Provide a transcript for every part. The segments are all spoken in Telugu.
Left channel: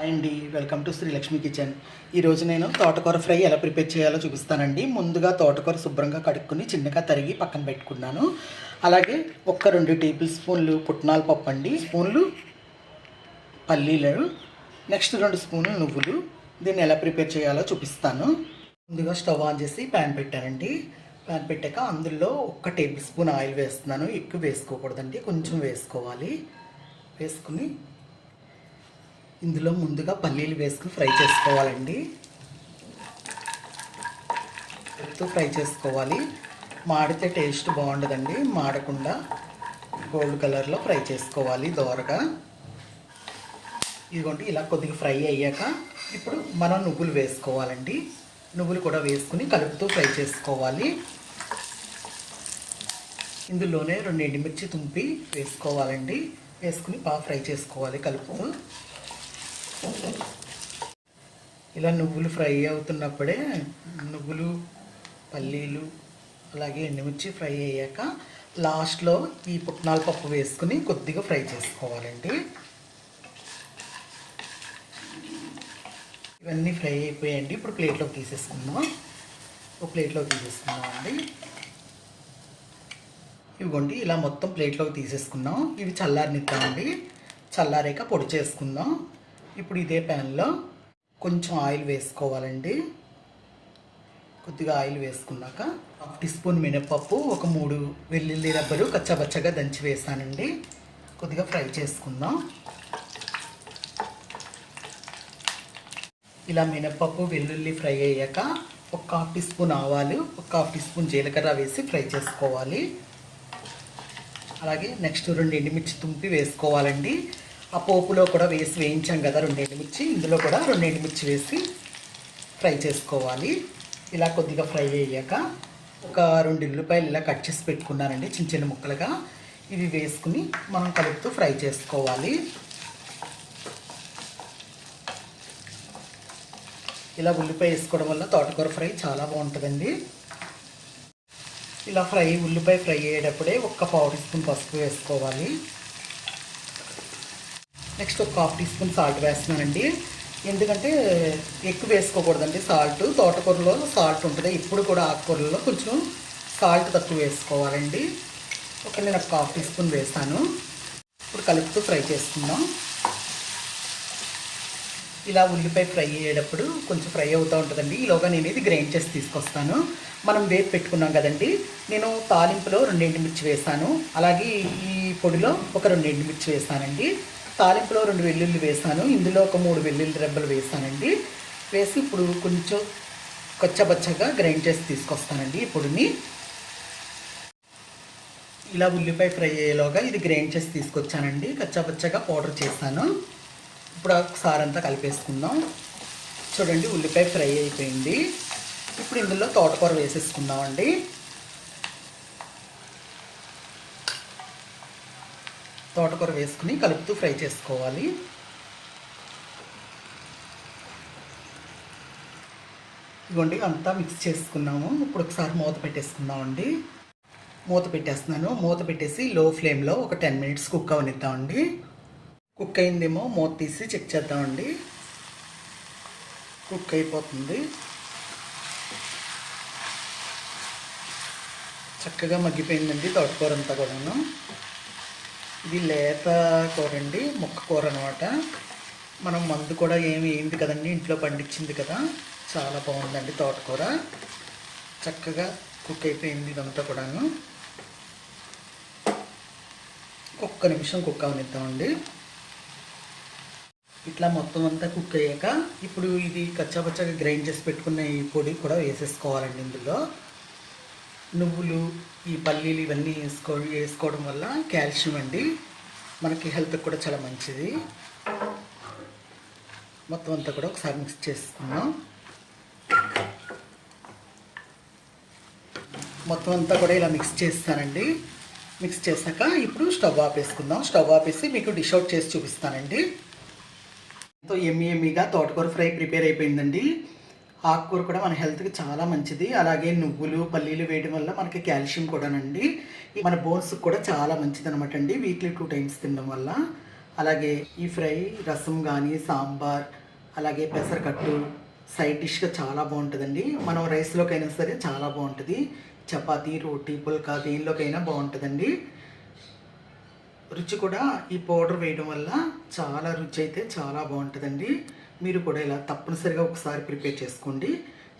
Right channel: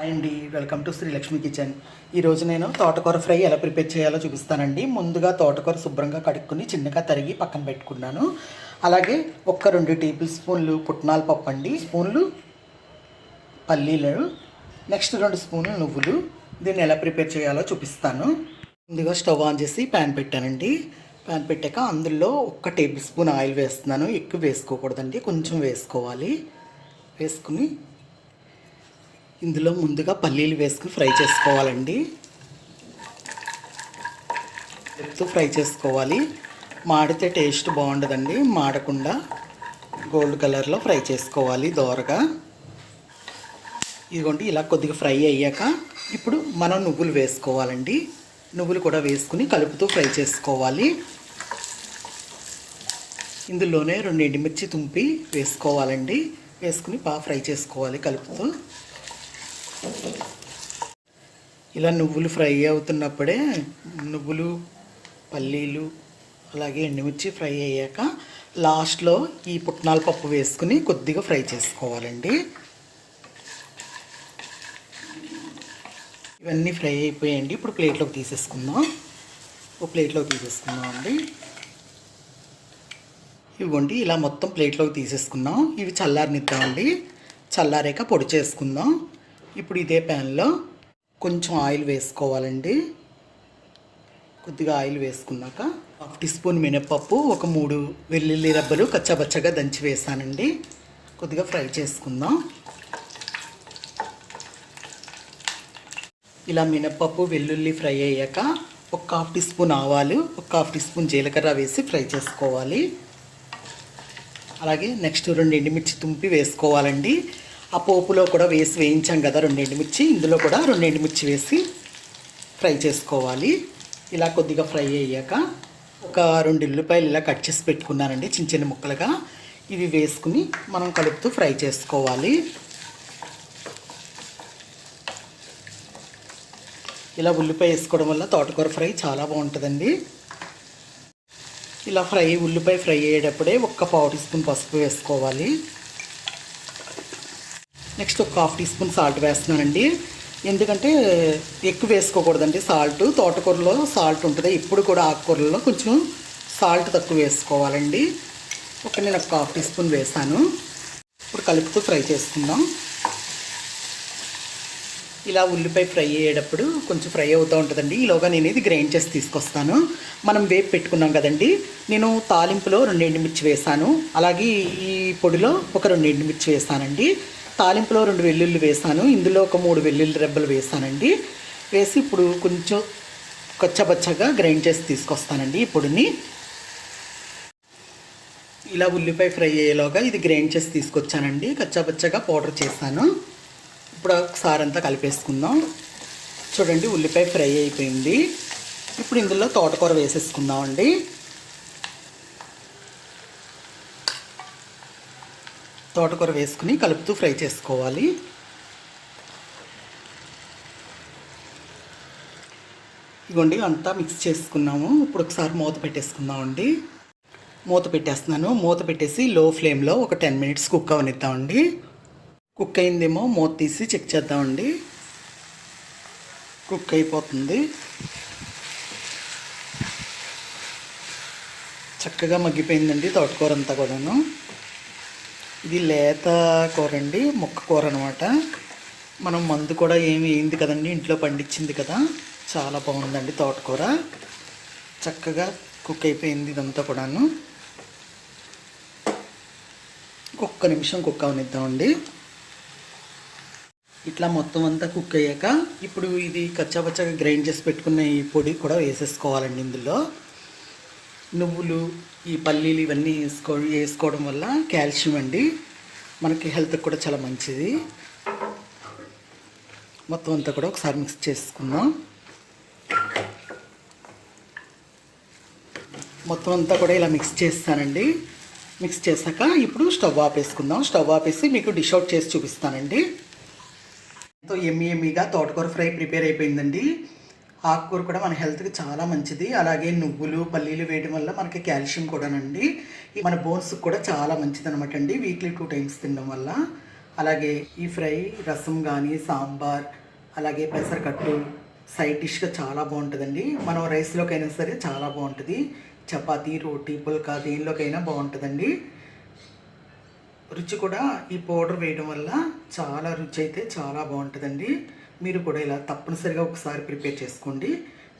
హాయ్ అండి welcome to Sri Lakshmi kitchen ఈరోజు నేను తోటకూర ఫ్రై ఎలా ప్రిపేర్ చేయాలో చూపిస్తానండి. ముందుగా తోటకూర శుభ్రంగా కడుక్కుని చిన్నగా తరిగి పక్కన పెట్టుకున్నాను. అలాగే ఒక్క రెండు టేబుల్ స్పూన్లు పుట్నాల పప్పు అండి. స్పూన్లు పల్లీలు నెక్స్ట్ రెండు స్పూన్లు నువ్వులు. దీన్ని ఎలా ప్రిపేర్ చేయాలో చూపిస్తాను. ముందుగా స్టవ్ ఆన్ చేసి ప్యాన్ పెట్టానండి. ప్యాన్ పెట్టాక అందులో ఒక్క టేబుల్ స్పూన్ ఆయిల్ వేస్తున్నాను. ఎక్కువ వేసుకోకూడదండి కొంచెం వేసుకోవాలి. వేసుకుని ఇందులో ముందుగా పల్లీలు వేసుకుని ఫ్రై చేసుకోవాలండి. ఎత్తు ఫ్రై చేసుకోవాలి. మాడితే టేస్ట్ బాగుండదండి. మాడకుండా గోల్డ్ కలర్లో ఫ్రై చేసుకోవాలి దోరగా. ఇదిగోండి ఇలా కొద్దిగా ఫ్రై అయ్యాక ఇప్పుడు మనం నువ్వులు వేసుకోవాలండి. నువ్వులు కూడా వేసుకుని కలుపుతూ ఫ్రై చేసుకోవాలి. ఇందులోనే రెండు ఎండుమిర్చి తుంపి వేసుకోవాలండి. వేసుకుని బాగా ఫ్రై చేసుకోవాలి కలుపుతూ. ఇలా నువ్వులు ఫ్రై అవుతున్నప్పుడే నువ్వులు పల్లీలు అలాగే ఎండుమిర్చి ఫ్రై అయ్యాక లాస్ట్లో ఈ పుట్నాల పప్పు వేసుకుని కొద్దిగా ఫ్రై చేసుకోవాలండి. ఇవన్నీ ఫ్రై అయిపోయాయండి. ఇప్పుడు ప్లేట్లోకి తీసేసుకుందాం. ఒక ప్లేట్లోకి తీసేసుకుందాం అండి. ఇవ్వండి ఇలా మొత్తం ప్లేట్లోకి తీసేసుకుందాం. ఇవి చల్లారనిద్దామండి చల్లారాక పొడి చేసుకుందాం. ఇప్పుడు ఇదే ప్యాన్లో కొంచెం ఆయిల్ వేసుకోవాలండి. కొద్దిగా ఆయిల్ వేసుకున్నాక హాఫ్ టీ స్పూన్ మినపప్పు ఒక మూడు వెల్లుల్లి రబ్బలు కచ్చబచ్చగా దంచి వేసానండి. కొద్దిగా ఫ్రై చేసుకుందాం. ఇలా మినపప్పు వెల్లుల్లి ఫ్రై అయ్యాక ఒక హాఫ్ టీ స్పూన్ ఆవాలు ఒక హాఫ్ టీ స్పూన్ జీలకర్ర వేసి ఫ్రై చేసుకోవాలి. అలాగే నెక్స్ట్ రెండు ఎండుమిర్చి తుంపి వేసుకోవాలండి. ఆ పోపులో కూడా వేసి వేయించాం కదా రెండు మిర్చి. ఇందులో కూడా రెండు మిర్చి వేసి ఫ్రై చేసుకోవాలి. ఇలా కొద్దిగా ఫ్రై అయ్యాక ఒక రెండు ఉల్లిపాయలు ఇలా కట్ చేసి పెట్టుకున్నానండి చిన్న చిన్న ముక్కలుగా. ఇవి వేసుకుని మనం కలుపుతూ ఫ్రై చేసుకోవాలి. ఇలా ఉల్లిపాయ వేసుకోవడం వల్ల తోటకూర ఫ్రై చాలా బాగుంటుందండి. ఇలా ఫ్రై ఉల్లిపాయ ఫ్రై అయ్యేటప్పుడే ఒక్క పావు టీ స్పూన్ పసుపు వేసుకోవాలి. నెక్స్ట్ ఒక హాఫ్ టీ స్పూన్ సాల్ట్ వేస్తున్నానండి. ఎందుకంటే ఎక్కువ వేసుకోకూడదండి సాల్ట్. తోటకూరలో సాల్ట్ ఉంటుంది. ఇప్పుడు కూడా ఆకుకూరలో కొంచెం సాల్ట్ తక్కువ వేసుకోవాలండి. ఒక నేను ఒక హాఫ్ టీ స్పూన్ వేసాను. ఇప్పుడు కలుపుతూ ఫ్రై చేసుకుందాం. ఇలా ఉల్లిపాయ ఫ్రై అయ్యేటప్పుడు కొంచెం ఫ్రై అవుతూ ఉంటుందండి. ఈలోగా నేను ఇది గ్రైండ్ చేసి తీసుకొస్తాను. మనం వేపు పెట్టుకున్నాం కదండి. నేను తాలింపులో రెండు ఎండుమిర్చి వేసాను. అలాగే ఈ పొడిలో ఒక రెండు ఎండుమిర్చి వేసానండి. తాలింపులో రెండు వెల్లుల్లి వేసాను. ఇందులో ఒక మూడు వెల్లుల్లి రెబ్బలు వేసానండి. వేసి ఇప్పుడు కొంచెం కొచ్చబచ్చగా గ్రైండ్ చేసి తీసుకొస్తానండి ఈ పొడిని. ఇలా ఉల్లిపాయ ఫ్రై అయ్యేలోగా ఇది గ్రైండ్ చేసి తీసుకొచ్చానండి. కచ్చాబచ్చగా పౌడర్ చేశాను. ఇప్పుడు ఒకసారి అంతా కలిపేసుకుందాం. చూడండి ఉల్లిపాయ ఫ్రై అయిపోయింది. ఇప్పుడు ఇందులో తోటకూర వేసేసుకుందామండి. తోటకూర వేసుకుని కలుపుతూ ఫ్రై చేసుకోవాలి. ఇవ్వండి అంతా మిక్స్ చేసుకున్నాము. ఇప్పుడు ఒకసారి మూత పెట్టేసుకుందామండి. మూత పెట్టేస్తున్నాను. మూత పెట్టేసి లో ఫ్లేమ్లో ఒక టెన్ మినిట్స్ కుక్ అవనిద్దామండి. కుక్ అయిందేమో మూత తీసి చెక్ చేద్దామండి. కుక్ అయిపోతుంది. చక్కగా మగ్గిపోయిందండి తోటకూర అంతా కూడాను. ఇది లేత కూర అండి మొక్క కూర అనమాట మనం మందు కూడా ఏమి వేయింది కదండి ఇంట్లో పండించింది కదా. చాలా బాగుందండి తోటకూర. చక్కగా కుక్ అయిపోయింది ఇదంతా కూడాను. ఒక్క నిమిషం కుక్ అవనిద్దామండి. ఇట్లా మొత్తం అంతా కుక్ అయ్యాక ఇప్పుడు ఇది కచ్చాపచ్చగా గ్రైండ్ చేసి పెట్టుకున్న ఈ పొడి కూడా వేసేసుకోవాలండి ఇందులో. నువ్వులు ఈ పల్లీలు ఇవన్నీ వేసుకో వేసుకోవడం వల్ల కాల్షియం అండి. మనకి హెల్త్కి కూడా చాలా మంచిది. మొత్తం అంతా కూడా ఒకసారి మిక్స్ చేసుకుందాం. మొత్తం అంతా కూడా ఇలా మిక్స్ చేస్తానండి. మిక్స్ చేశాక ఇప్పుడు స్టవ్ ఆపేసుకుందాం. స్టవ్ ఆపేసి మీకు డిష్ అవుట్ చేసి చూపిస్తానండి. ఎంతో ఎమ్మి ఎమ్మిగా తోటకూర ఫ్రై ప్రిపేర్ అయిపోయిందండి. ఆకుకూర కూడా మన హెల్త్కి చాలా మంచిది. అలాగే నువ్వులు పల్లీలు వేయడం వల్ల మనకి కాల్షియం కూడానండి. ఈ మన బోన్స్కి కూడా చాలా మంచిది అనమాట అండి వీక్లీ టూ టైమ్స్ తినడం వల్ల. అలాగే ఈ ఫ్రై రసం కానీ సాంబార్ అలాగే పెసరకట్టు సైడ్ డిష్గా చాలా బాగుంటుందండి. మనం రైస్లోకైనా సరే చాలా బాగుంటుంది. చపాతీ రోటీ పుల్కా దేనిలోకైనా బాగుంటుందండి. రుచి కూడా ఈ పౌడర్ వేయడం వల్ల చాలా రుచి అయితే చాలా బాగుంటుందండి. మీరు కూడా ఇలా తప్పనిసరిగా ఒకసారి ప్రిపేర్ చేసుకోండి.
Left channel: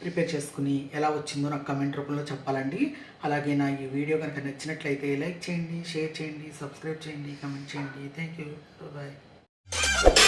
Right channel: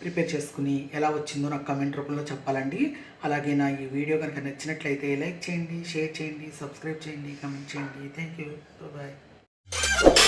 ప్రిపేర్ చేసుకుని ఎలా వచ్చిందో నాకు కమెంట్ రూపంలో చెప్పాలండి. అలాగే నా ఈ వీడియో కనుక నచ్చినట్లయితే లైక్ చేయండి షేర్ చేయండి సబ్స్క్రైబ్ చేయండి కమెంట్ చేయండి. Thank you bye